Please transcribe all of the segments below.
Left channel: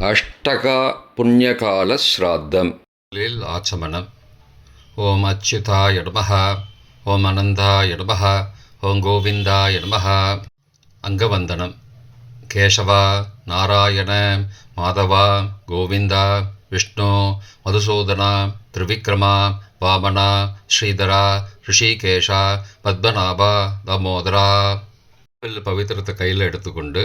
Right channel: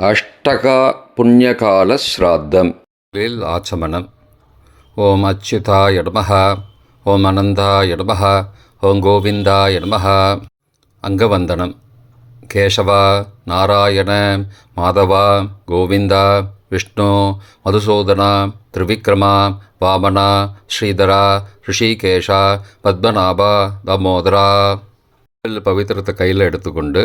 அஷ்டகா புண்ணியகால ஸ்ராத்தம் லில் ஆச்சமனம் ஓம் அச்சுதா நமः ஓம் அனந்தா நமः ஓம் கோவிந்தா நமः அங்கவந்தனம் கேசவா நாராயண மாதவா கோவிந்தா விஷ்ணு மதுசூதனா திரிவிக்ரமா வாமனா ஸ்ரீதரா ரிஷிகேஷா பத்மநாபா தாமோதரா பவித்திரத்தை கையில் எடுத்துக்கொண்டு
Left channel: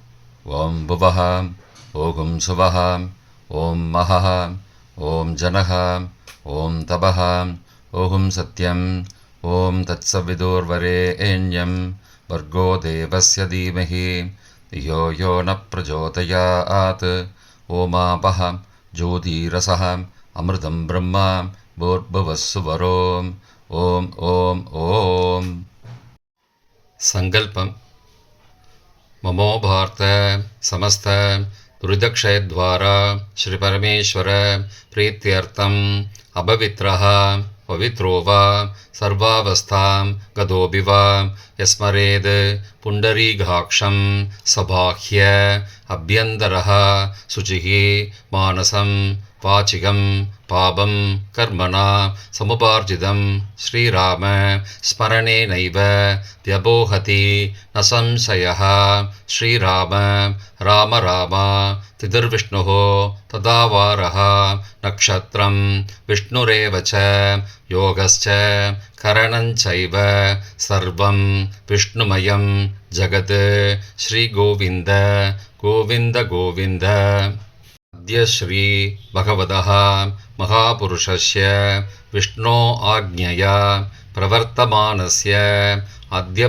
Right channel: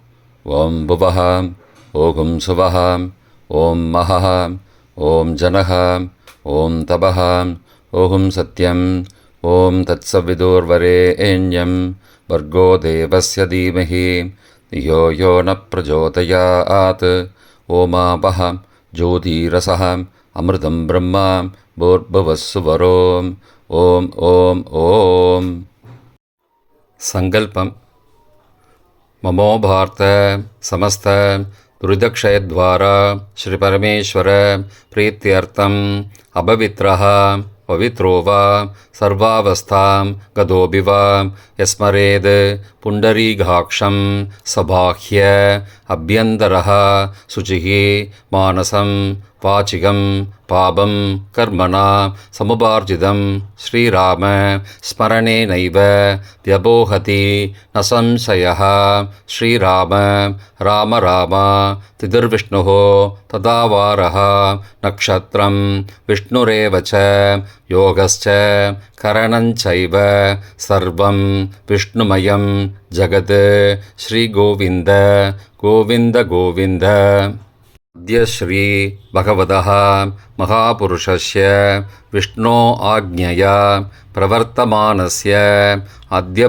ॐ भुवः ॐ सुवः ॐ महः ॐ जनः ॐ तपः ॐ सत्यम् ॐ तत्सविदुर्वरेण्यं वर्गो देवस्य धीमहि धियो यो न प्रचोदयात्। ओमापः ज्योतिरसः अमृतं ब्रह्म भूर्भुवस्सुवरोम् ॐ ॐ ॐ सङ्कल्पम् ममो भारत समस्त दुरिदक्षयद्वारा श्रीपरमेश्वर प्रीत्यर्थम्। अपवित्रः पवित्रो वा सर्वावस्थां गतोऽपि वा यस्मरेद् पुण्डरीकाक्षं सबाह्य अभ्यन्तरः शुचिः मानसं वाचिकं पापं कर्मणा समुपार्जितं श्रीराम स्मरणेनैव व्यपोहति न संशयः। श्रीराम, राम राम तिथिर्विष्णुः तदावारः। नक्षत्रं विष्णुरेव च योगश्च करणञ्चैव सर्वं विष्णुमयं जगत् श्रीगोविन्द गोविन्द गोविन्द अद्य श्रीभगवतः महापुरुषस्य विष्णो आज्ञया प्रवर्तमानस्य अद्य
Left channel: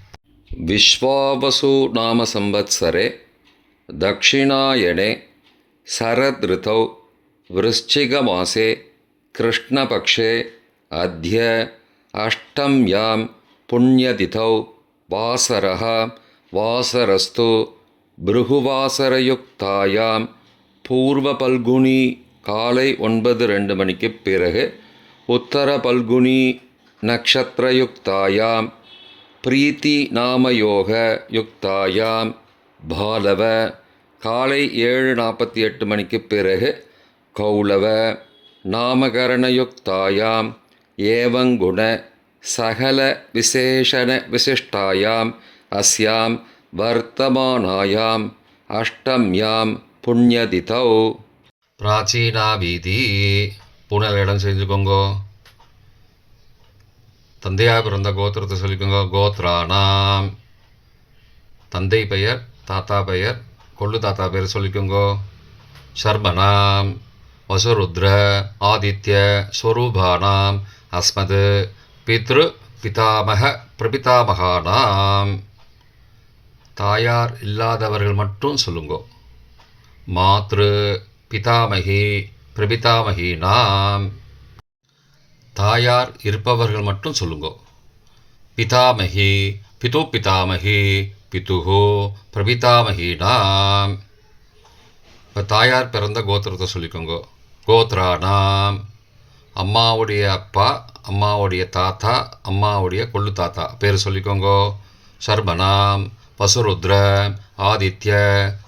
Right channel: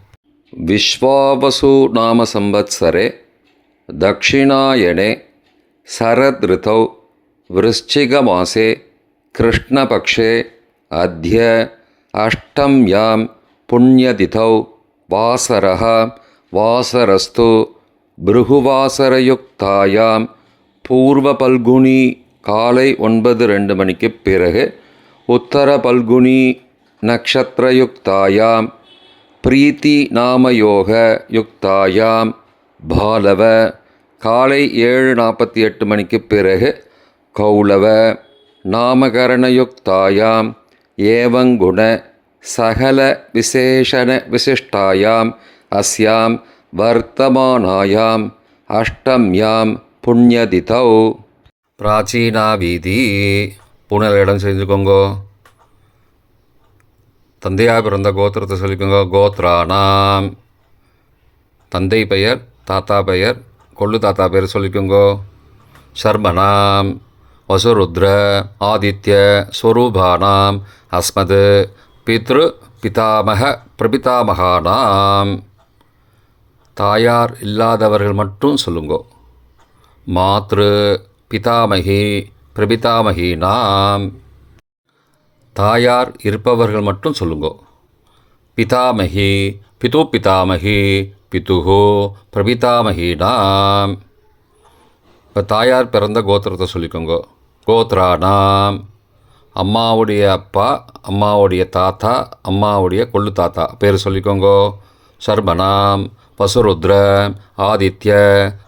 विश्वावसु नाम संवत्सरे दक्षिणायणे शरदृतौ वृश्चिकमासे कृष्णपक्षे अद्य अष्टम्यां पुण्यतिथौ वासरः वासरस्तु பிருகுவாசரயுக்தாயாம் பூர்வ பல்குனி காலை ஒன்பது ரெண்டு மணிக்கு பிறகு உத்தர பல்குனி நக்ஷத்திரயுக்தாயாம் பிரீத்தி நாமயோக யுக்தாயாம். பாலவ காலை ஏழு நாற்பத்தி எட்டு மணிக்கு பிறகு கௌளவ நாமகரணயுக்தாயாம் ஏவங்குண சகல விசேஷண விசிஷ்டாயாம். அஸ்யாம் வர்த்தமானாயாம். அஷ்டம்யாம் புண்ணியதிதௌ. பிராச்சீனா வீதி பூனல் இடம் செஞ்சுக்கோங்கோ தந்தையாக பிறந்த கோத்திரத்தை சொல்லிக்கோங்க. கோத்ரானாம். தந்தை பெயர் தாத்தா பெயர் கொள்ளு தாத்தா பெயர் சொல்லிக்கோங்கோ. ஷர்மனாம் வசுருத்ர ஆதித்ய ஸ்வரூபானாம். அஸ்மது பித்ரு பிதாமக பிரபிதாமகானாம். தாயார் இல்லாதவர்கள் மட்டும் சொல்லுங்கோ. மாத்ரு பிதாமகி பிரபிதாமகி நாம் தாயார் இருப்பவர்கள் மட்டும் சொல்லுங்கோ. பிதாமகி பிது பிதாமகி பிதுகோ பிரபிதாமகினாம் இப்போ தாயார் பிறந்த கோத்திரத்தை சொல்லிக்கோங்க. கோத்ரானாம் அம்மாவுடைய அப்பா அம்மாவுடைய தாத்தா அம்மாவுடைய கொள்ளு தாத்தா. பேர் சொல்லிக்கோங்க. சர்மனாம் பசுருத்ர ஆதித்ய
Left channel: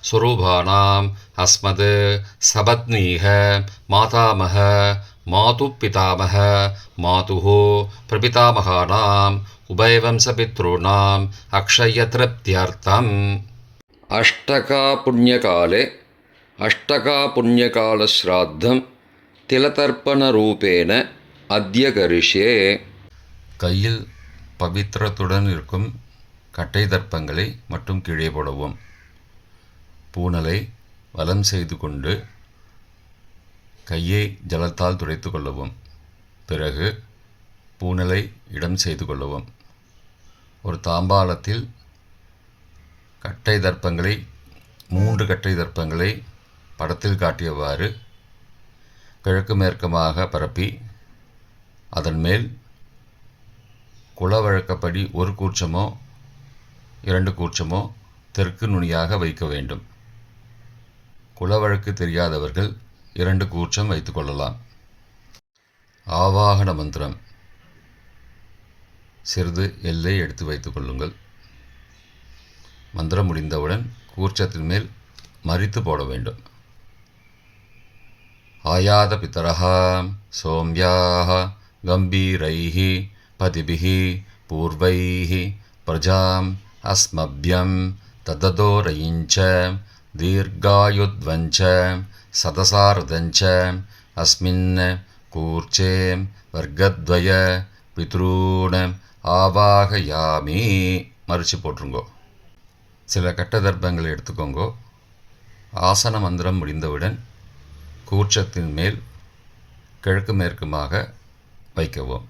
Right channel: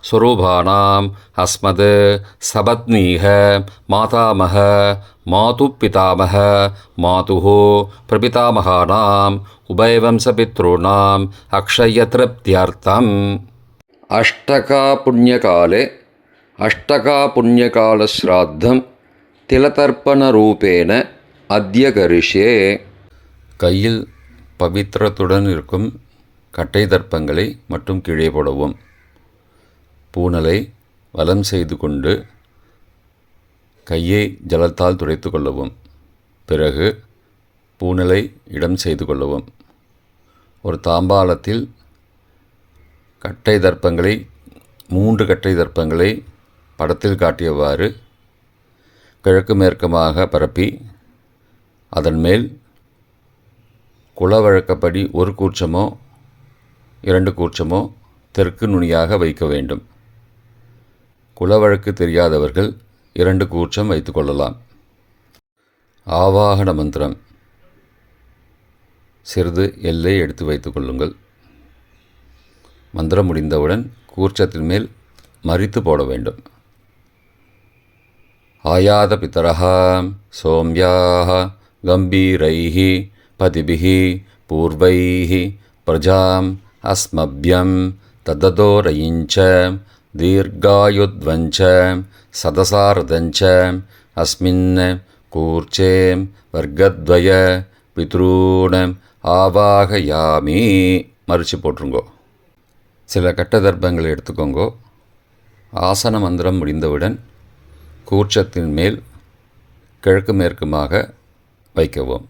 ஸ்வரூபானாம் அஸ்மது சபத்னீக மாதாமக மாது பிதாமக மாது பிரபிதாமகானாம் உபயவம்சபித்ருணாம் அக்ஷயதிருப்தியர்த்தம் அஷ்டகா புண்ணியகாலே அஷ்டகா புண்ணியகாலஸ்ராத்தம் திலதர்ப்பணரூபேன அத்தியகரிஷே கையில் பவித்திரத்துடன் இருக்கும் கட்டை தர்ப்பங்களை மட்டும் கீழே போடவும். பூனலை வலம் செய்து கொண்டு கையை ஜலத்தால் துடைத்து கொள்ளவும். பிறகு பூனலை இடம் செய்து கொள்ளவும். ஒரு தாம்பாளத்தில் கட்டை தர்ப்பங்களை மூன்று கட்டை தர்ப்பங்களை படத்தில் காட்டியவாறு கிழக்கு மேற்கமாக பரப்பி அதன் மேல் குலவழக்கப்படி ஒரு கூச்சமோ இரண்டு கூச்சமோ தெற்கு நுனியாக வைக்க வேண்டும். குலவழக்கு தெரியாதவர்கள் இரண்டு கூச்சம் வைத்துக்கொள்ளலாம் ஆவாகன மந்திரம். சிறிது எல்லை எடுத்து வைத்துக்கொள்ளுங்கள் மந்திரம் முடிந்தவுடன் கூர்ச்சத்தின் மேல் மறித்து போட வேண்டும். ஆயாத பித்தரா சோம்யாக கம்பீரைஹி பதிபிஹி பூர்வைஹி பிரஜாம் अस्मभ्यं तददोरयिञ्च दीर्घायुध्वञ्च सदसारदञ्च अस्मिन् कूर्चे वर्गद्वय பித்ரூண ஆவாகயாமி மறிச்சு போட்டுருங்கோ சில கட்ட தர்ப்பங்களை எடுத்துக்கோங்கோ ஆசன மந்திரம் முடிந்தவுடன் கூர்ச்சத்தின் மேல் கிழக்கு மேற்குமாக வைக்கவும்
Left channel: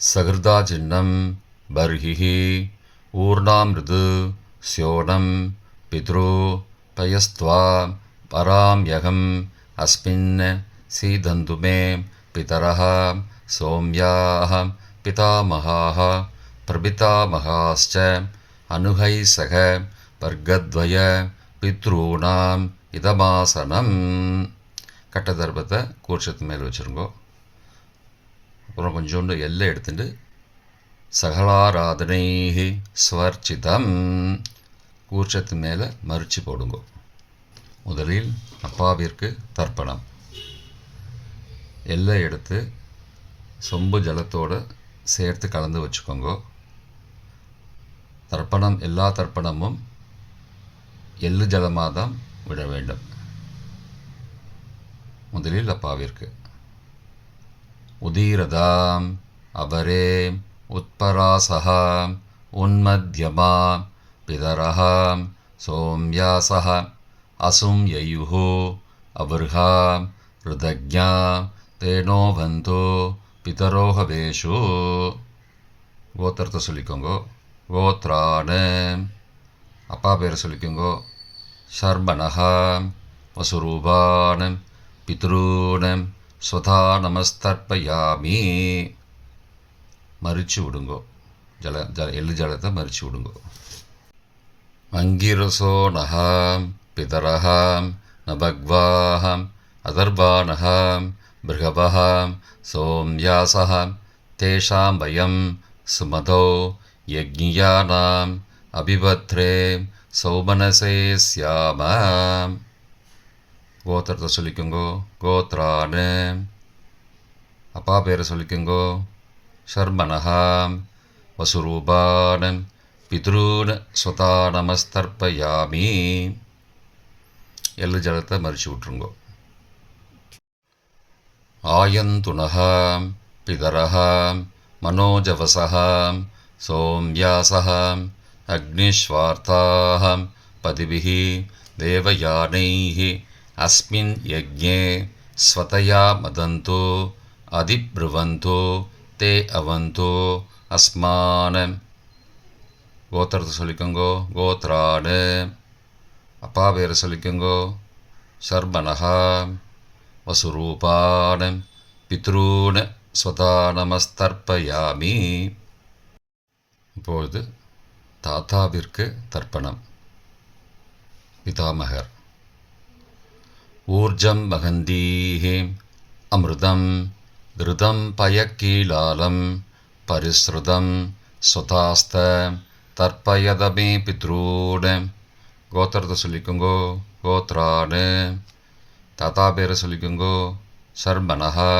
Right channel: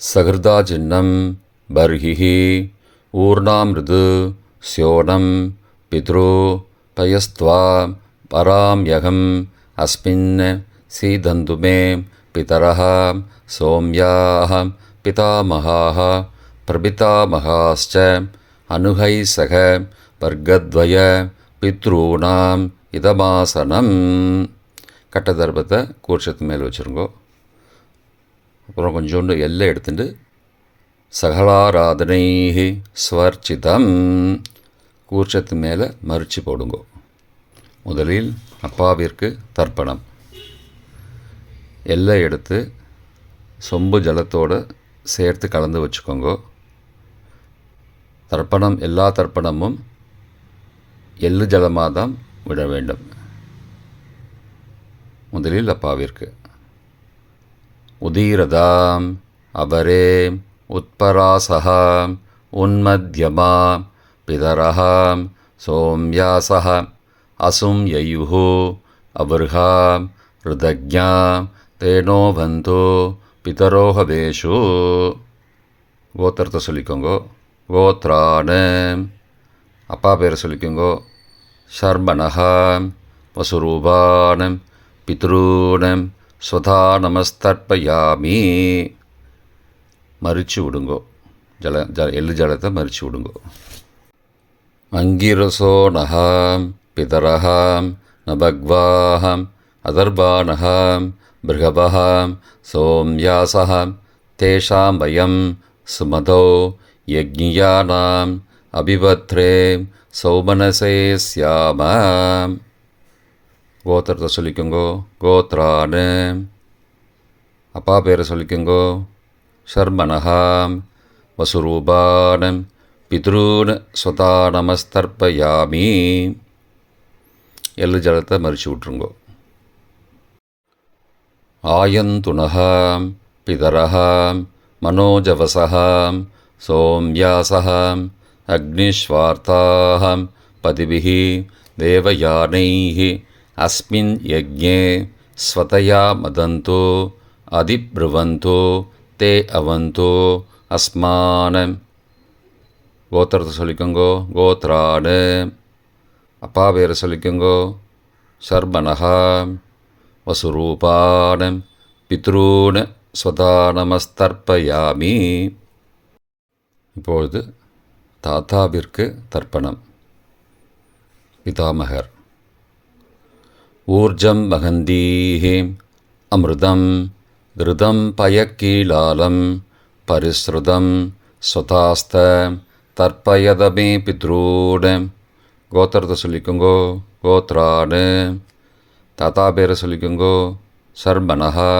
சகிருதா சின்னம் ஊர்ணாமிருது ஸ்யோனம் பித்ரு பயஸ்த்வா பராம்யகம் அஸ்மின் சீதந்து மே பிதரः சோம்யாः பிதாமகாः பிரபிதாமகாश्च அனுகை பித்ரூணாம் இதமாசனம் கட்ட கூர்ஷத்து கூர்ச்சத்து மேல் வச்சுருங்கோ. அப்புறம் கொஞ்சோண்டு எல்லை எடுத்துட்டு சகலாராதனை ஸ்வர்ச்சிதம். கூர்ச்சத்து மேலே மறிச்சு போடுங்கோ. முதலில் அப்பாவிற்கு தர்ப்பணம். எல்லை எடுத்து சொம்பு ஜலத்தோடு சேர்த்து கலந்து வச்சுக்கோங்க. தர்ப்பணம் எல்லா தர்ப்பணமும் எள்ளு ஜலமாக தான் விட வேண்டும். முதலில் அப்பாவிற்கு. உதீரதாம் அபரே உத்பராசகாம் உன்மத்யமா பிதரஹாம் சோம்யாசः அசும் யயுः அபர்ஹாம் ருதஜ்ஞாம் தேனோ பந்தோ பிதரோஹவேஷு கோத்திரத்தை சொல்லிக்கோங்கோ கோத்ரான அப்பா பேரை சொல்லிக்கோங்கோ ஷர்மணஹாம் வசுரூபானம் பித்ரூனம் ஸ்வதா நமஸ்தர்ப்பயாமி மறித்து விடுங்கோ. ஜல ஜல எள்ளு ஜலத்தை மறித்து விடுங்கோ. அங்கிரசோ நகாம் பிதரகாம் நபக்வாஹாம் அதர்பானகாம் பிருகபகாம் சோம்யாசகாம் தேஷாம் பயம் சுமதோ யஜ்ஞியானாம் அபிபத்ரே சௌமனசே சியாமாம் கோத்திரத்தை சொல்லிக்கோங்கோ. கோத்ரான்னு அப்பா பேரை சொல்லிக்கோங்கோ. ஷர்மனஹாம் வசுரூபானம் பித்ரூன் ஸ்வதா நமஸ்தர்ப்பயாமி எள்ளு ஜலத்தை மறிச்சு விட்ருங்கோ आयन्तुनः पितरः मनोजवसः सोम्यासः अग्निश्वार्ताः पतिभिः देवयानैः अस्मिन् यज्ञे स्वतया मदन्तो अधिब्रुवन्तो te அவந்தோ அஸ்மான. கோத்திரத்தை சொல்லிக்கோங்கோ கோத்ராடு அப்பா பேரை சொல்லிக்கோங்கோ ஷர்மனஹா வசுரூபான பித்ரூன ஸ்வதானமஸ்தர்ப்பயாமி. இப்பொழுது தாத்தாவிற்கு தர்ப்பணம். பிதாமகர். ஊர்ஜம் மகந்தீஹே அமிர்தம். கிருதம் பயக்கீலாலம் பரிஸ்ருதம் ஸ்வதாஸ்த தர்ப்பயதமே பித்ரூன் கோத்திரத்தை சொல்லிக்கோங்கோ கோத்ரானு தாத்தா பேரை சொல்லிக்கோங்கோ சர்மனஹா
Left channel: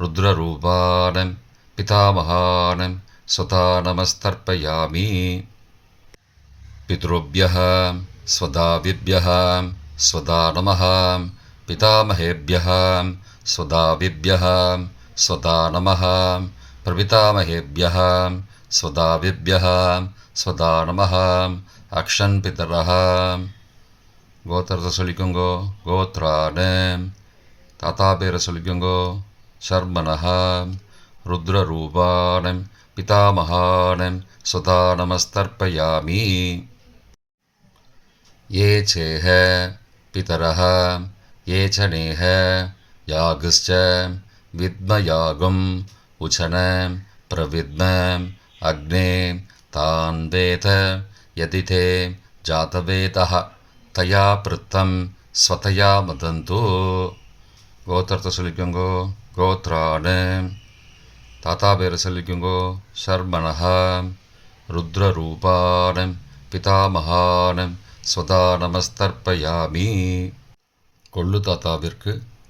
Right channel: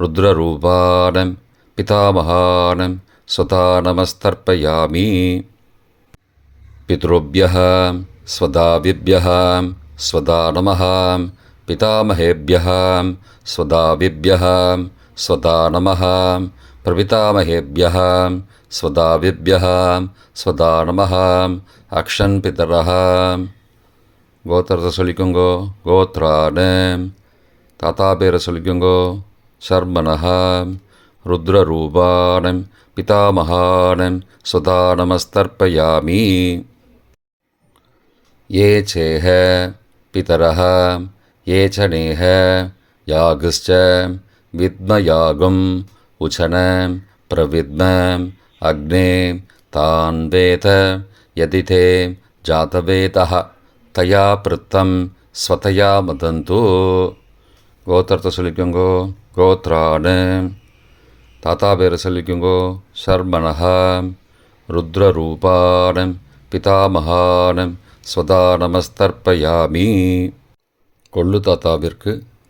ருத்ரரூபானம் பிதாமகானம் ஸ்வதா நமஸ்தர்ப்பயாமி पितृभ्यः स्वदाविभ्यः स्वदा नमः पितामहेभ्यः स्वदाविभ्यः स्वदा नमः प्रपितामहेभ्यः स्वदाविभ्यः स्वदा नमः अक्षन् पितरः கோத்திரத்தை சொல்லிக்கோங்கோ கோத்ரானு தாத்தா பேரை சொல்லிக்கோங்கோ சர்மனஹா ருத்ரரூபானம் பிதாமகானம் சுதா நமஸ்தர்ப்பயாமி ये चेह पितरः ये च नेह यागश्च विद्मयागम् उचन प्रविद्म अग्ने तान् वेद यदि ते जातवेदः तया पृत्तं स्वतया मदन्तु கோத்திரத்தை சொல்லிக்கோங்கோ கோத்ரானு தாத்தா பேரை சொல்லிக்கோங்கோ சர்மனஹா ருத்ரரூபானம் பிதாமகானம் ஸ்வதா நமஸ்தர்ப்பயாமி கொள்ளு தாத்தாவிற்கு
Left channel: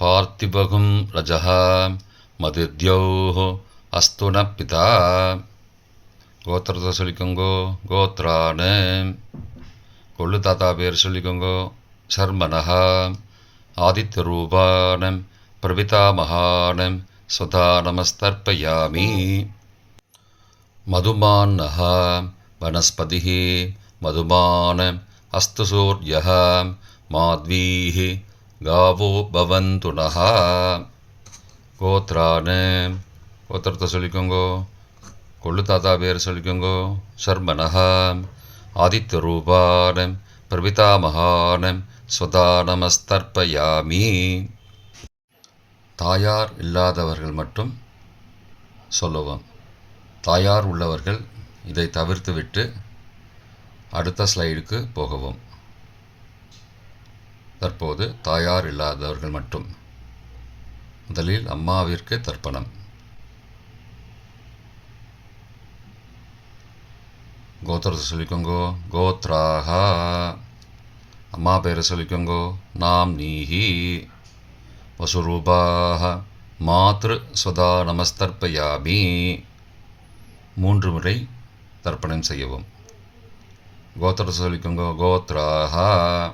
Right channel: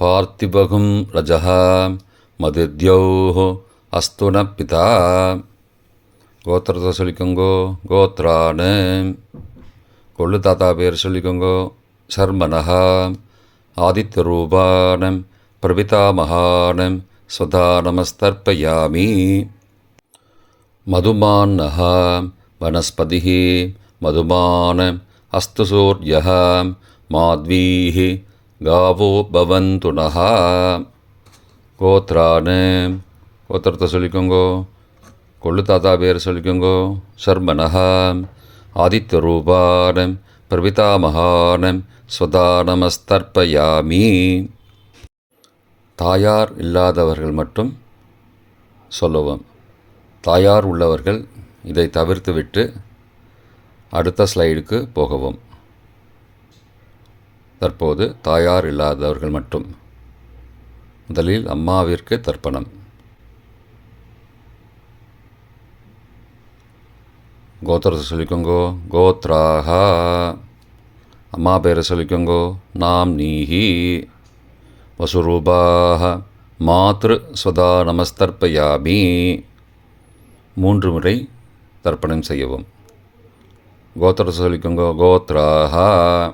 பார்த்திபகும் ரஜः மதித்யௌः அஸ்து ந பிதா கோத்திரத்தை சொல்லிக்கோங்கோ கோத்ரானு கொள்ளு தாத்தா பேர் சொல்லிக்கோங்கோ சர்மனஹா ஆதித்ய ரூபானம் பிரபிதாமகானம் சதா நமஸ்தர்ப்பயாமி मधुमान्नः वनस्पतिः मधुमान् अस्तु सूर्यः माध्वीः காவோ பவந்து நகா கோத்ரான்னு கோத்திரத்தை சொல்லிக்கோங்கோ கொள்ளு தாத்தா பேர் சொல்லிக்கோங்கோ சர்மனஹா ஆதித்த ரூபானம் பிரபிதாமகானம் சுதானமஸ்தர்ப்பயாமி தாயார் இல்லாதவர்கள் மட்டும் சொல்லுவோம். தாயார் உள்ளவர்கள் இதை தவிர்த்துவிட்டு அடுத்த ஸ்லைடுக்கு போகவும். தற்போது தாயார் இல்லாதவர்கள் மட்டும். முதலில் அம்மாவிற்கு தர்ப்பணம். கோத்திரத்தை சொல்லிக்கோங்கோ. கோத்ராஹா. அம்மா பேரை சொல்லிக்கோங்கோ. நாம் நீஹி. வசுரூபாக மாத்ரு சுதா நமஸ்தர்ப்பயாமி. மூன்று முறை தர்ப்பணம் செய்யவும். கோத்திரத்தை சொல்லிக்கோங்கோ. கோத்ராஹா.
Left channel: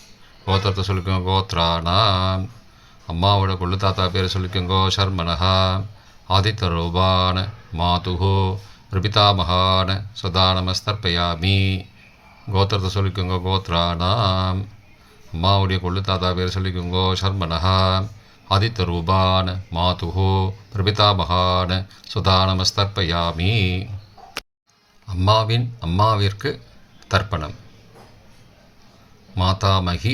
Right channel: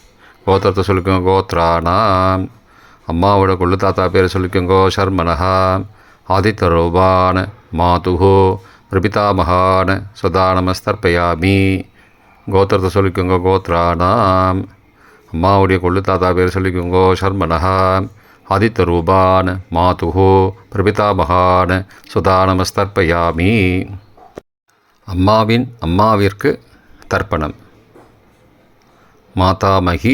கோத்திரத்தை சொல்லிக்கோங்க கோத்ரானாம் அம்மாவோட கொள்ளு தாத்தா பேர் சொல்லிக்கோங்கோ ஷர்மனஹா ஆதித்த ரூபான மாதுஹோ பிரபிதாமகான சதா நமஸ்தர்ப்பயாமி கோத்திரத்தை சொல்லிக்கோங்க கோத்ரானாம் அம்மாவுடைய கொள்ளு தாத்தா பேர் சொல்லிக்கோங்கோ ஷர்மனஹா ஆதித்த ரூபான் மாதுஹோ பிரபிதாமகான் சுதா அம்மாவின் அம்மாவிற்கு தர்ப்பணம். மாதாமகி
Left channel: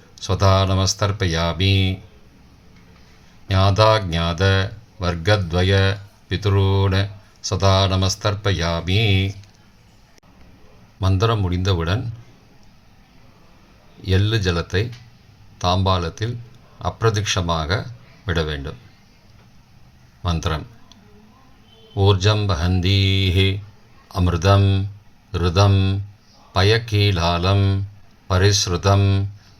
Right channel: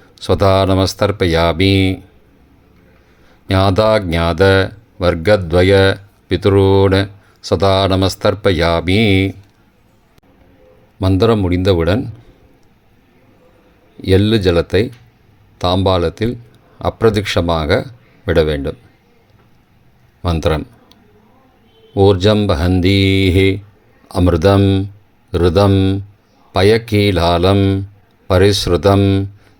स्वधा नमस्तर्पयामि ज्ञाताज्ञात वर्गद्वय பித்ரூன் சதா நமஸ்தர்ப்பயாமி மந்திரம் முடிந்தவுடன் எள்ளு ஜலத்தை தாம்பாலத்தில் அப்பிரதிக்ஷமாக விட வேண்டும் மந்திரம் ஊர்ஜம் வஹந்தீஹி அமிர்தம் ருதம் பயக்கீலாலம் பரிஸ்ருதம்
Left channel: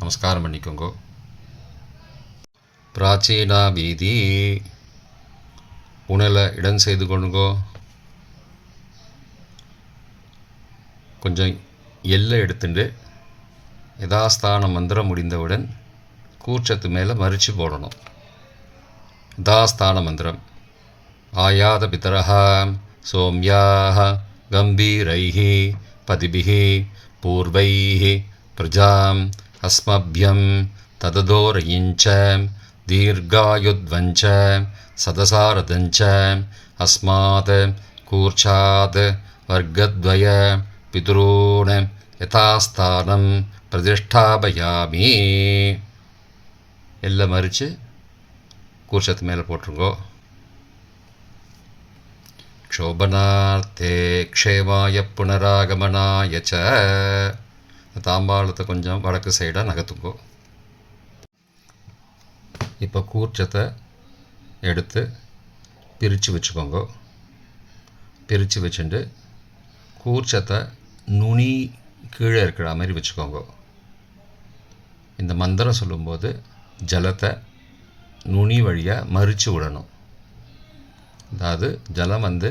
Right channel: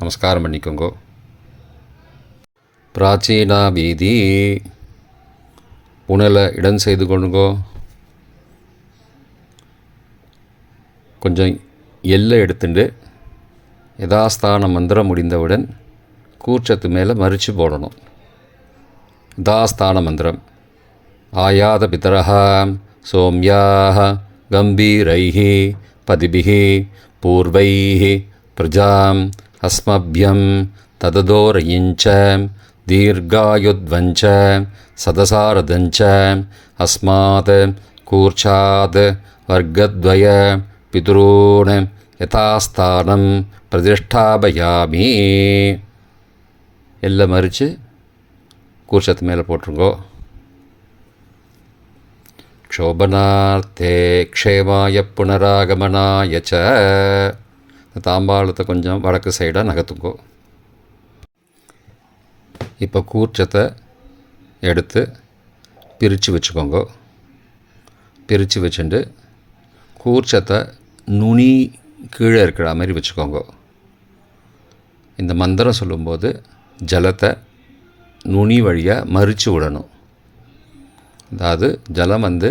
நமஸ்காரம் பண்ணிக்கோங்க. பிராச்சீனா வீதி புனலை இடம் செய்து கொண்டுங்கோ கொஞ்சம் எல்லை எடுத்துட்டு யதாஸ்தான மந்திரம் முடிந்தவுடன் கூச்சத்து மேலே மறித்து போடணும். தாஸ்தான மந்திரம். ஆயாத பிதரா சோம்யாக கம்பீரை பதிபிகி பூர்வை பிரஜாம் अस्मभ्यं तददोरयिञ्च दीर्घायुध्वञ्च सदसारदञ्च अस्मात् कूर्चात् वर्गद्वय पितॄन् यथास्थानं प्रतिष्ठापयामि எல்லாம் மறித்து கூர்ச்சத்து மேலே போட்டுருங்கோ க்ஷோபனார்த்தே க்ஷேமாய புனராகமனாய ச தாம்பாளத்தை கொஞ்சம் வடக்கு சைடாக நகர்த்துங்கோ. இப்போ கூர்ச்சத்தை எடுத்து பிரித்து வச்சுக்கோங்க. பிரித்து வச்சுட்டு கூர்ச்சத்தை நுனி கீழே இருக்கிற மாதிரி வச்சுக்கோங்க. இந்த மந்திரம் சொல்லும்போது ஜலத்தை நுனி வழியாக மறித்து விடணும். அதாவது ஜலம் வந்து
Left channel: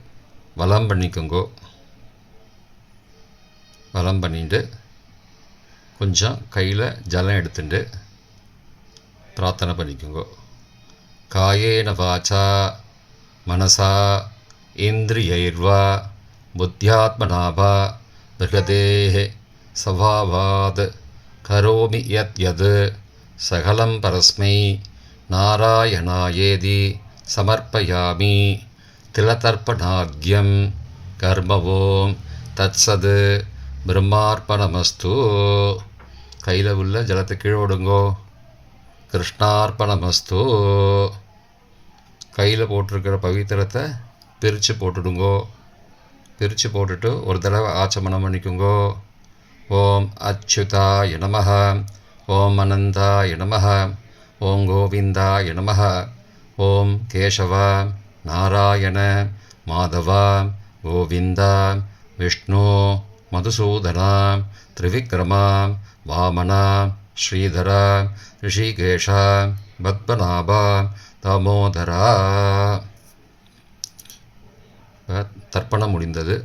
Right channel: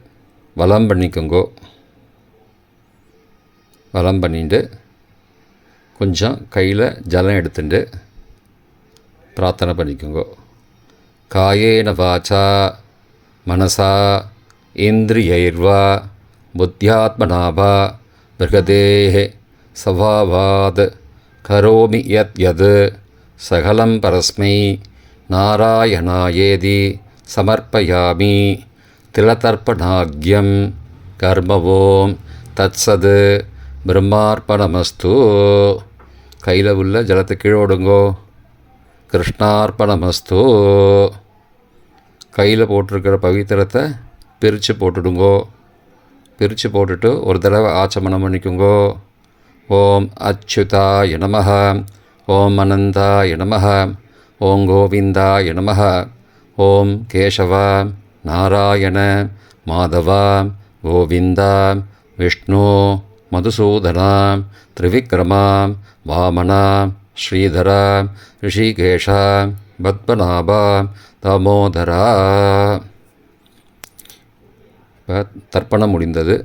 வளம் பண்ணிக்கோங்கோ. வளம் பண்ணிட்டு கொஞ்சம் கையில் ஜலம் எடுத்துட்டு பிரார்த்தனை பண்ணிக்கோங்கோ. காயேன வாச்சா மனசா இந்திரியைர்வா புத்தியாத்மனாவா பிருகதேः சவாவாத் கரோமி யத் யத் சகலம் பரஸ்மை நாராயணாயேதி சமர்ப்பயாமி திலதர்ப்பணாக்கியம் கர்மவோம் தத்சது பிரம்மார்ப்பணமஸ்து கையில் உள்ள ஜலத்தை கீழே விடுங்கோ கிருஷ்ணார்ப்பணமஸ்து கையில் போட்டிருக்கிற பவித்திரத்தை பிரித்து போட்டுடுங்கோ பிரித்து போட்டுட்டு ஒரு தடவை ஆச்சமனம் பண்ணிக்குங்கோ ஓம் அச்சுதா நமः ஓம் அனந்தா நமः ஓம் கோவிந்தா நமः ஓம் கேசவா நாராயண மாதவா கோவிந்தா விஷ்ணு மதுசூதனா திரிவிக்ரமா வாமனா ஸ்ரீதரா ரிஷிகேஷா பத்மநாபா தாமோதரா. தர்ப்பணம் முடிந்தது.